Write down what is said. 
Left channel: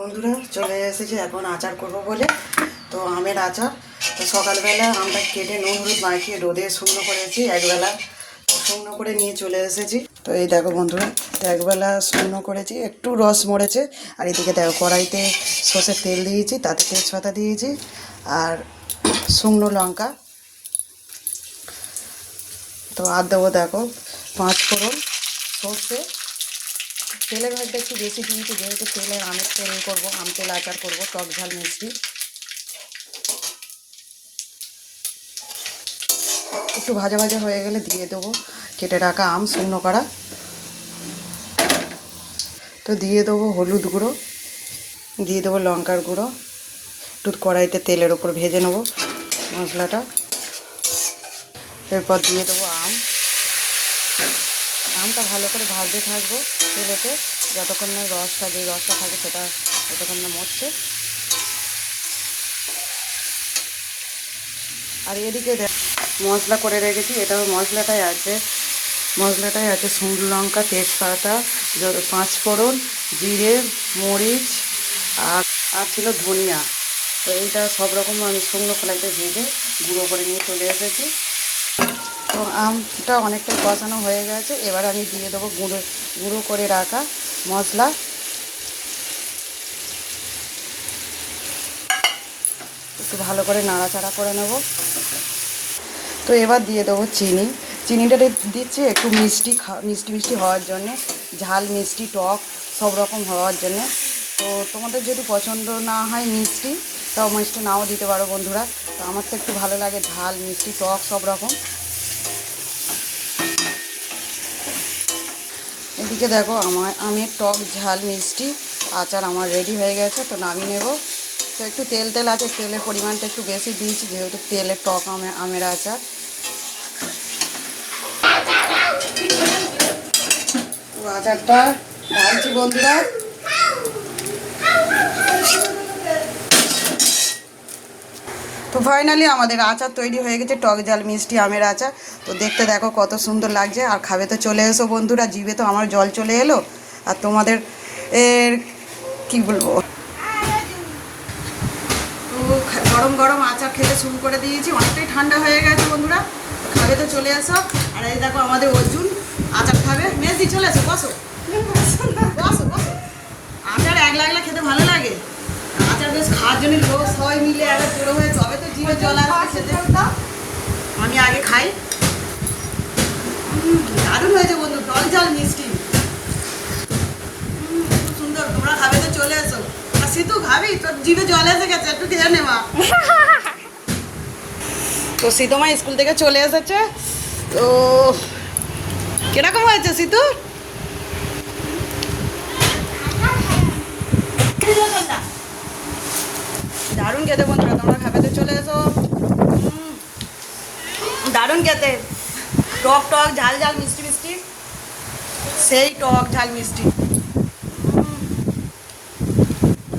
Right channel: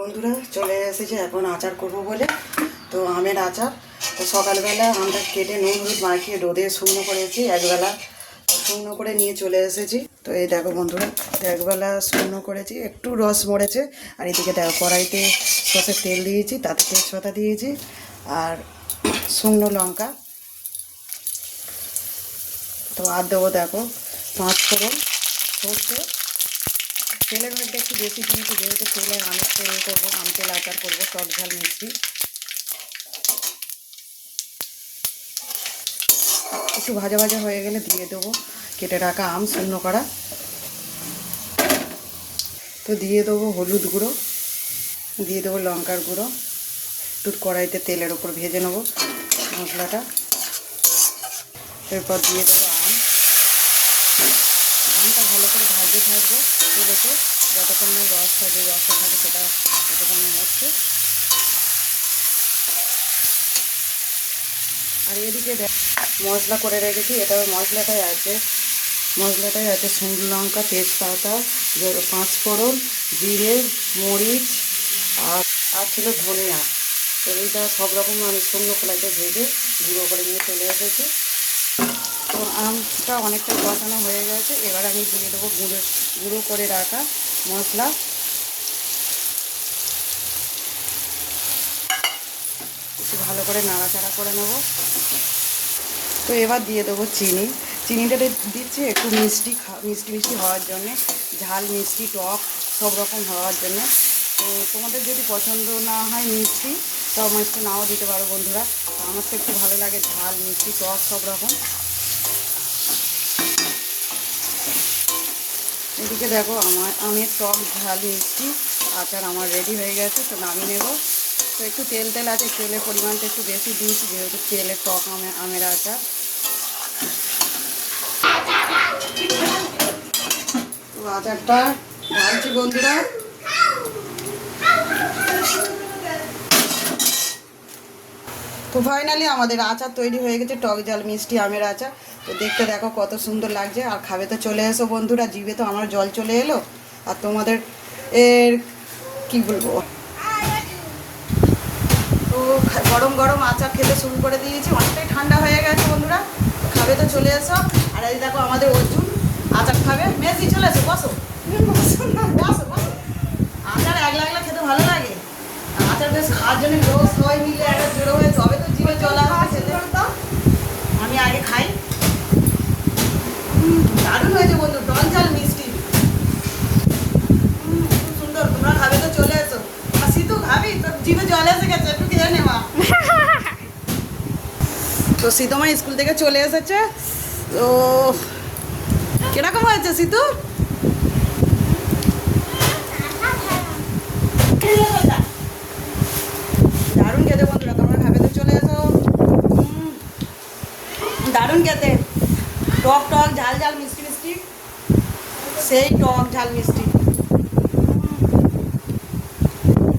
বন্ধুরা চলে এসেছে এখন আচার করব বলে। তো আমের আচার। তো সকালবেলা আমটা কেটে নুন হলুদ মাখিয়ে রোদে শুকনো করেছি, একবেলা শুকনো করে নিয়ে চলে এসেছি। তো এই দেখো বন্ধুরা, একবেলা শুকনো করেছি, একটু রস মরেছে। আর এদিকে দেখো কড়াইতে সর্ষের তেল দিয়েছি, তাতে তেজপাতা দিয়েছি আর শুকনো লঙ্কা। তো আর দেবো দেখো 5 ফোড়ন, সর্ষে। তেলের ভাগটা একটু বেশি দিয়েছি, যেহেতু তেলের আমের তেল করবো, আম তেল আচার করবো, টক ঝাল মিষ্টি। একটু ভাজা ভাজা হয়ে গেলে দিয়ে দেবো কেটে রাখা আম শুকনো করা। তো দিয়ে দেবো হলুদ গুঁড়ো, দিয়ে দেবো লঙ্কার গুঁড়ো। একটু কড়াইতে তেলের ওপর ভেজে নেবো মশলাটা। এরপর দিয়ে দেবো আমটা ভালো করে ভাজতে থাকবো চুলোতে, যতক্ষণ না রসটা, যে রসটা থাকে সেটা যতক্ষণ না মরছে। আর এদিকে মশলা করে রেখেছি, এটাও মশলাটাই আছে শুকনো লঙ্কা, তেজপাতা, 5 ফোড়ন, জিরে, মরিচ আর ছিল ধনিয়া। তো এইটা সব রকম আমি শুকনো কড়াইতে ভেজে গুঁড়ো করে নিয়ে চলে এসেছি। তো আমটা অনেকটাই কষানো হয়ে গেছে, এবার আমি দিয়ে দেবো গুঁড়ো করে রাখা মশলা। একটু ভালো করে নাড়াচাড়া করে নেব। তো এবার দিয়ে দেবো চিনিটা দিচ্ছি একটু মিষ্টি হওয়ার জন্যে, ঝাল মিষ্টি টক সব রকম হওয়ার জন্যে। তো তোমাদের যদি পছন্দ না হয় মিষ্টি, তো মিষ্টি নাও দিতে পারো বন্ধুরা। তো আমার তো একটু ভালো লাগে ঝাল মিষ্টি টক সব রকম। এদিকে দেখো আমি টক ঝাল মিষ্টি আচার আমার রেডি হয়ে গেছে। তো নামিয়ে নেব। তো একটু তেল আছে, তেলের পরিমাণটা একটু বেশি দিয়েছি, যেহেতু তেলের টক আমের আচার। তো আচারটা ঢালছি বন্ধুরা। তো ফাইনালি আমাদের আচার তৈরি হয়ে গেছে, টক ঝাল মিষ্টি আমের আচার। তো দেখতে দেখো কত সুন্দর লাগছে। আর খাবে তো চলে এসো বন্ধুরা, জিভে তো আমার জল চলে এলো। আর তোমাদের এর কী বলবো, তো গরম গরম আচার খেতে শুরু করে দিয়েছি, অনেকটাই ঠান্ডা হয়ে গেছে বন্ধুরা। খাবে তো চলে এসো। আর এই দেখো আমাদের অর্জুন আচার খাবে। মেজি চলে এসো, বসো বসো বসো। আচার এক লাগলে খেতে ভালো লাগে। আচার বেশ খাওয়ার জন্য লোক সবাই মিলিয়ে একটা জুড়ো হয়ে তবে তো জিভে জল আসবে খেতে। আমি আগে খাই। দারুণ হয়েছে বন্ধু, টক ঝাল মিষ্টি খুব সুন্দর। তোমরা খাবে তো চলে এসো। আর সিতু খাবি? তোর জিভে জল এসে গেছে, একটু খেয়ে নেওয়া। তো সিতুমা স্কুল থেকে চলে এসেছে। তো কিরকম হয়েছে সিতু? দারুণ খেতে বন্ধুরা, তোমরা খাবে তো চলে এসো। দারুণ খেতে, টক টক ঝাল ঝাল মিষ্টি মিষ্টি, সেই টক ঝাল মিষ্টি।